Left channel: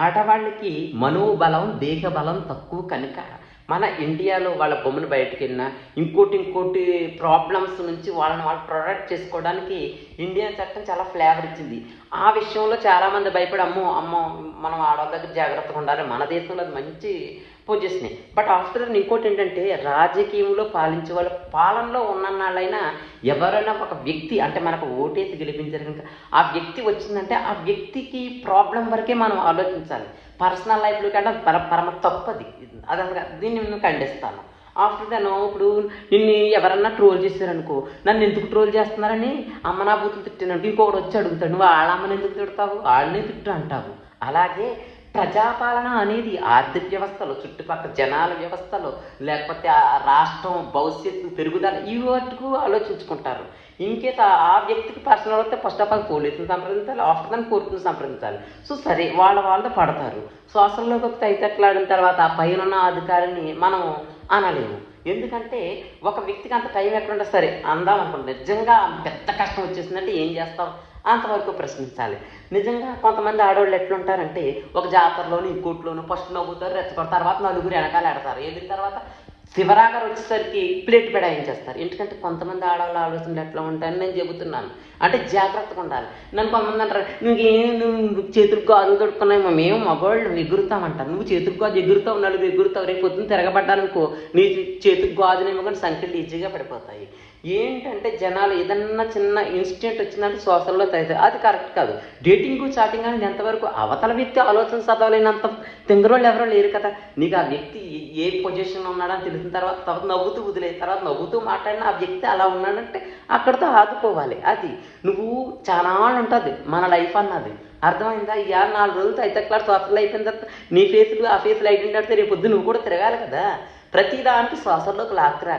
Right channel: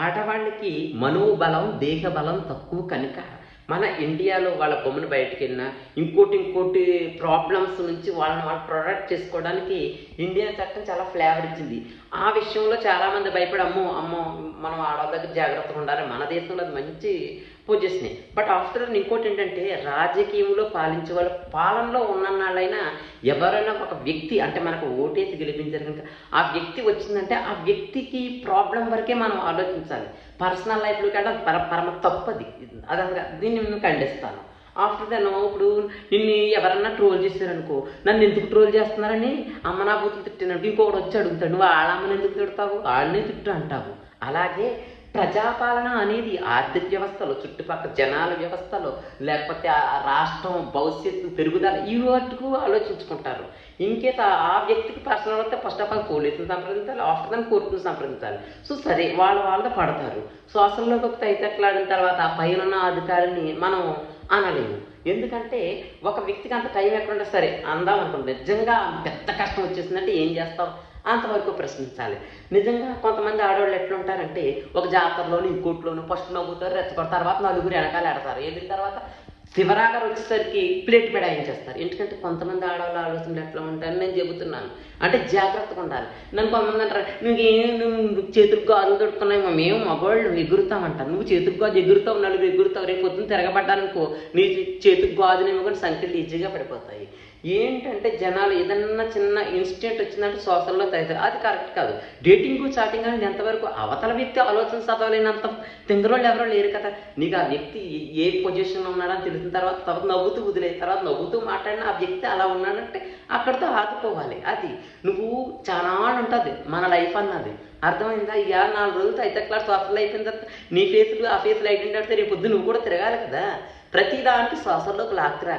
ఆడవాళ్ళకి మనోబలం, దేహబలం తక్కువ కనుక మన ఇండియాలో వాళ్ళ బొమ్మను బయటికెళ్ళినా, ఇంకోటి ప్రాబ్లమ్స్ నుంచి వాళ్ళని వాళ్ళు ప్రొటెక్ట్ చేసుకోవడానికి ఇండియన్ చట్టం చాలా ఫ్లేవర్ ఇచ్చింది. ఆ విషయంలో చాలామంది భయపడి అమ్మో మనం ఆడవాళ్ళ దగ్గర జాగ్రత్తగా ఉండాలి. మన దేశంలో అది మంచి పొజిషనే. బట్ ఆఫ్టర్ ఇంకోటేంటంటే రాజకీయంలో పాలించే వాళ్ళు పాలనలో ఉన్నన్నాళ్ళైనా ఎవరైనా ఒక వ్యక్తి అంటే మనకు ఓటేసి గెలిపించారు కనుక ఆ వ్యక్తి వచ్చిందంటే ఆ వ్యక్తికి ప్రాబ్లం వరకే మనం ఆలోచించాలి. పర్సనల్ లైఫ్లో కంటే అది పరమ తప్పది. అది అసలు దీన్ని నేను ఖండిస్తాను. ఆఫ్టర్ దెన్ ఇప్పుడు నిన్ను ఎవరన్నా ట్రోల్ చేశారనుకో, నన్ను ఎందుకు ట్రోల్ చేస్తున్నారని అమ్మ నా బూతులు తిట్టానంటే ఇంకొకటి వచ్చి అడుగుతాడు, నువ్వు వాళ్ళ అమ్మని ఎందుకు తిడతావు, వాళ్ళనే తిట్టు అంటావు. అలాగే ప్రజాపాలన అనేది ఆర్థిక వ్యవస్థలో, చుట్టుపక్కల జనాల వ్యవస్థలో, లేకపోతే ఆ రాష్ట్రం భవిష్యత్తు పెరుగుదల ఈ వాటికు ఆలోచించుకుంటారు. ఇన్కేస్ ఆ వ్యక్తికి పర్సనల్ వస్తే ఫస్ట్ ఆఫ్ ఆల్ పోలీసుని సంప్రదించాలి, ఆఫ్టర్ దాన్ని కోర్టును సంప్రదించాలి. సో సరే వాళ్ళతో పడతారు. సోషల్లోకి వస్తే తైతట్లాడిన తర్వాత ఆ పైన అధికారిని మనం అనలేము. ఎందుకంటే ఒక వ్యక్తికి అంత టైం ఎక్కడుంటే సరే అందాం అనుకుంటుంది. నిజంగా పెద్ద కష్టం వచ్చేసిందంటే ఏం చేస్తాం అంతవరకు ప్రశ్నించాలి. నిజంగా కొంతమంది ఆడవాళ్ళు ఎట్లుంటారంటే ఒక జాతరలోను ఇంకోట్లోను ఫస్ట్ నవ్వుతారు, రెచ్చగొడతారు, తర్వాత నలుగురు వెనకాల ఎడతారు. వెళ్ళిన తర్వాత శివరాకర్ వచ్చేసరికి ప్లేట్ పెడాయించేస్తారు. ఎందుకంటే కొంతమంది ఆడవాళ్ళ ఆలోచనలు ఎట్లా ఉంటాయని నేను చెబుతున్నాను. అంటే జాగ్రత్తగా ఉండాలి. నన్ను కొంతమంది అంటారు, నువ్వు చేతులకు గాజులు తొడుక్కున్నావు, మేము మగవాళ్ళు ఎగురుతామంటారు. నువ్వు చేతులకు గాజు ఎగురుతావు, నలుగురు ఎగురుతావు, రేపు పొద్దున్న తిరగబడ్డానుకో నీ చేతులకు గాజునేమో కానీ సంఖ్యలు ఈజీగా పడిపోతాయి. ఏంటంటే జనాలు ఏదన్నా చిన్న ఇన్సిడెంట్ వచ్చిందంటే సోషల్లో తగ్గుతాయి. అది కరెక్ట్ కాదు. డేటింగ్ చాటింగ్ అనేది ఎంతవరకు అవతల వ్యక్తి ఆలోచన చదవలేనంత తింగరోళ్ళు ఎవరో లేరు కదా. నీకు ఆ వ్యక్తి ఏ పొజిషన్లో ఉన్నాడని తెలిసిన తర్వాత నవ్వుతూ వదిలే, తర్వాత నవ్వుతూ మాట్లాడిన ఆ వ్యక్తి అలా ఉన్నాడంటే అక్కడితో ఆదుకోవాలి. అది నువ్వు చాలా ఉంటుంది మన లైఫ్ అన్నది. అర్థమైందా? 4 రోజులతో అయితే క్లాస్ సోషల్ అయిపోయిన తర్వాత నీ ఫేస్లు ఆ ఫేస్లు ఐడెంటిటీ రేపు పొద్దు నువ్వు కూడా తిరగాలి కదా. ప్రతి దానికి సోషల్లోకి లాక్కురా.